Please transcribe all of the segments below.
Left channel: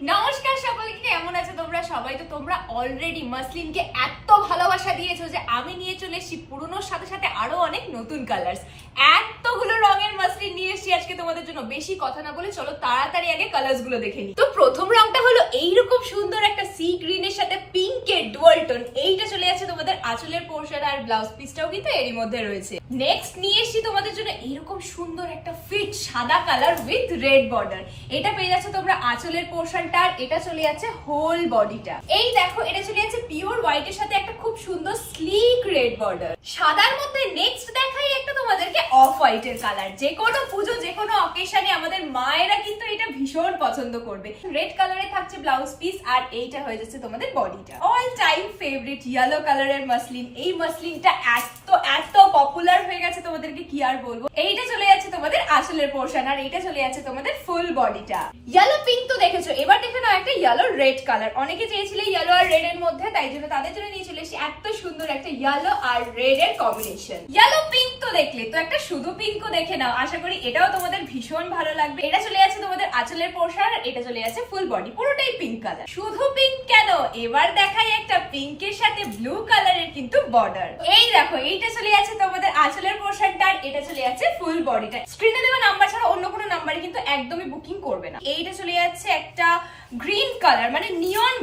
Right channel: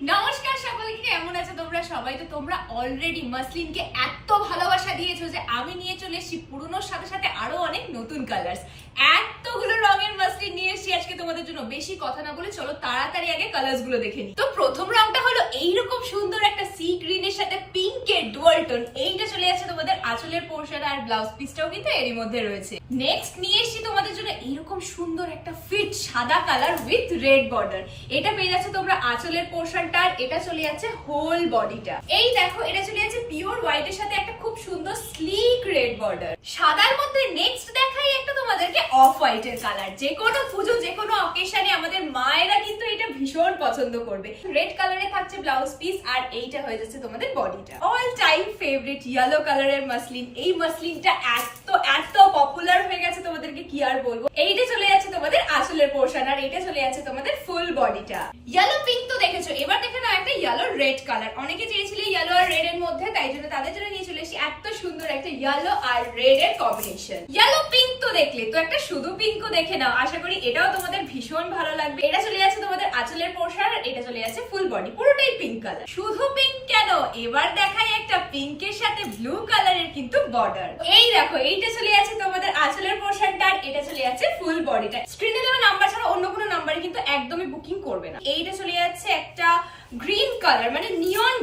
নমস্কার সকলকে, কেমন আছো তোমরা সবাই? তো তোমরা অলরেডি মাসলিনকে এত ভালোবাসা দিয়েছো যে আমি নিয়ে চলে এসেছি পুরনোর সাথে সাথে আরো অনেক নতুন কালার্স। এতগুলো রঙের মাসলিন নিয়ে এসেছি আজকে তোমাদের জন্য। বেশি কথা না বলে চলো তাড়াতাড়ি আগে কালার্স গুলো দেখে নিই। তো প্রথম রংটা হলো এইরকম সুন্দর একটা সি গ্রিনের সাথে পিঙ্কের ডুয়াল টোন। এইটা চলে যাচ্ছে তোমাদের আঁচলের পোর্শন, আর ব্লাউজ পিসটাও কিন্তু এরই মধ্যে রয়েছে। নেক্সট নিয়ে এসেছি তোমাদের জন্য এইরকম সুন্দর একটা ফিট সাদা কালার উইথ রেড বর্ডার। এটা পেয়ে যাচ্ছে তোমরা আঁচলের পোর্শন, এটা চলে যাচ্ছে হোল বডিটা। এই দেখো, এটা চলে যাচ্ছে পিওর হোয়াইট এর সাথে একটা খুব সুন্দর স্লিক রেড বর্ডার। সাদার মধ্যে নেক্সট দেখাই একটা তোমাদেরকে অফ হোয়াইট এর কালার। যে কোনো পুজো, যে কোনো অকেশনে আমাদের মায়েরা কিন্তু এটা ভীষণ পছন্দ করবে। রেড কালারে থাকছে ব্লাউজ পিস, আর এইটা হয়ে যাচ্ছে তোমাদের বডিটা। অল টাইম ফেভারিট ইয়েলো কালারের মাসলিন। এই মাসলিনটা এত পপুলার হয়ে গেছে তোমাদেরকে কি আর বলবো। এইটা চলে যাচ্ছে তোমাদের আঁচলের পোর্শন, আর এইটা চলে যাচ্ছে তোমাদের ফুল বডিটা। ইয়েলো পিঙ্ক তো দেখেছো, এবার দেখে নাও একটা ইয়েলো রেড কালার। অনেকে চেয়েছিলে ইয়েলো আর রেড এর মধ্যে, তাই জন্য তাদের জন্য নিয়ে চলে এসেছি এত সুন্দর একটা ইয়েলো আর রেড এর কম্বিনেশন। ইয়েলো পিঙ্ক তো দেখলে, তো একটা শুধু পিঙ্কও দেখে নাও। আশা করি এটাও তোমাদের ভীষণ ভালো লাগবে। এটা চলে যাচ্ছে তোমাদের আঁচলের পোর্শন, আর এটা চলে যাচ্ছে ফুল বডি, পুরোটাই পিঙ্ক কালার। শুধু পিঙ্ক কেন, এবার দেখাই একটা পিঙ্কের সাথে ব্লু কালারের কিন্তু বর্ডার। এই দেখো, এইটা চলে যাচ্ছে তোমাদের আঁচলের পোর্শনটা, আর এটা চলে যাচ্ছে ফুল বডিটা। স্ক্রিনে দেওয়া নাম্বার ছাড়া অন্য কোনো নাম্বারে কিন্তু একদমই বুকিং করবে না। এইটা চলে যাচ্ছে একটা গ্রিন কালার, মানে নিয়ন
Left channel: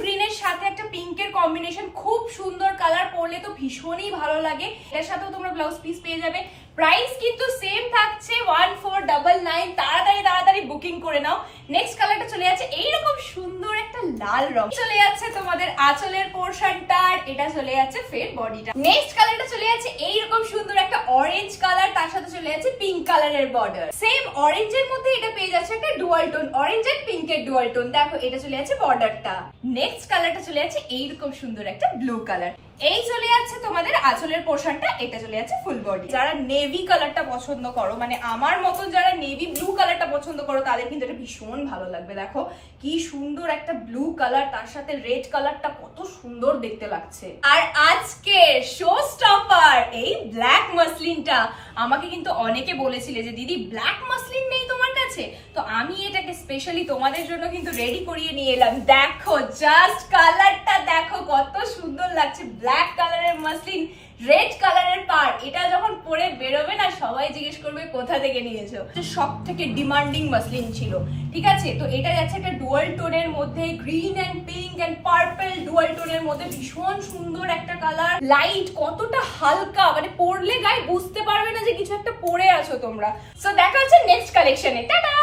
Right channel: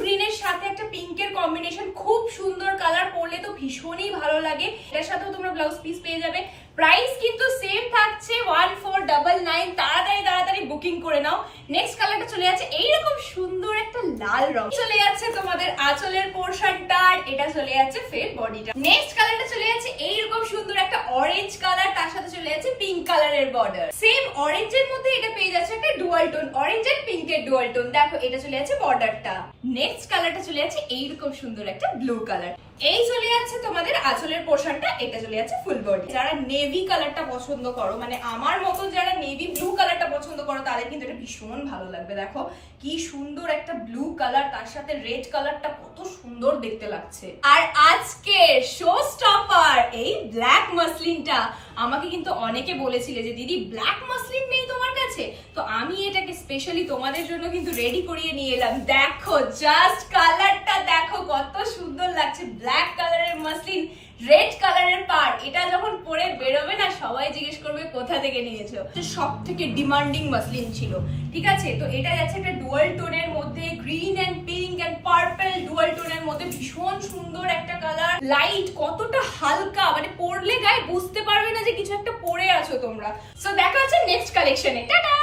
গ্রিনের সাথে একটা পিঙ্কের কম্বিনেশন। খুব সুন্দর কালার, পরলে তো ভীষণই ভালো লাগে। এটার সাথেও তোমরা ব্লাউজ পিস পেয়ে যাবে। প্রাইস কিন্তু সেম থাকছে 1499। তাড়াতাড়ি বুকিং করে নাও। নেক্সট কালারটা চলে যাচ্ছে এইরকম সুন্দর একটা লাল রং। চলে যাচ্ছে তোমাদের আঁচলের পোর্শনটা, আর এটা চলে যাচ্ছে ফের বডিটা। নেক্সট কালারটা চলে যাচ্ছে এইরকম সুন্দর একটা অরেঞ্জ কালার, তার সাথে চলে যাচ্ছে পিঙ্ক কালারের বর্ডার। সেম অরেঞ্জের মধ্যে এটা পেয়ে যাচ্ছে একটা ডুয়াল টোন, অরেঞ্জ এন্ড পিঙ্কের ডুয়াল টোন। দেখো, এটা চলে যাচ্ছে বর্ডারটা। নেক্সট কালারটা চলে যাচ্ছে এইরকম সুন্দর একটা ব্লু কালার। এই চলে যাচ্ছে তোমাদের আঁচলের পোর্শনটা, এটা চলে যাচ্ছে ফুল বডি। যারা নেভি কালারটা পছন্দ করো, মানে আমার মতো যারা নেভি ব্লু কালারটা পছন্দ করো, তাদের কিন্তু এটা ভীষণ ভালো লাগবে। দেখো কি সুন্দর একটা ব্লু কালার, তার সাথে রেড কালারটা কত সুন্দর দেখতে লাগছে। আর আজকে শো স্টপার এই ব্ল্যাক মাসলিনটা। আমাকে কিন্তু অনেকে বলেছিলে যে দিদি ব্ল্যাক মাসলিন নেই তোমার কাছে, তো আমি এটাকে স্পেশালি তোমাদের জন্য কিন্তু রেডি করিয়ে নিয়ে এলাম। দেখো জাস্ট কালারটা দেখো কত সুন্দর লাগছে। ব্ল্যাক কালারের মাসলিন, রেড কালারের পার। এটা যখন পরে বেরোবে না, সবাই জিজ্ঞেস করবে কোথা থেকে নিয়েছো। সব থেকে ডিমান্ডিং মাসলিন ছিল, ঠিক আছে? তো এটা যাচ্ছে একটা ডুয়াল টোনের মধ্যে, green and pink and purple dual টোনের মধ্যে। ভীষণ সুন্দর একটা কালার, লাইট, কতটা হালকা, মানে পরলে গায়ে বুঝতে পারবে না যে কিছু একটা পরে আছো তোমরা। সো দেখা হচ্ছে নেক্সট কালেকশনে। টাটা।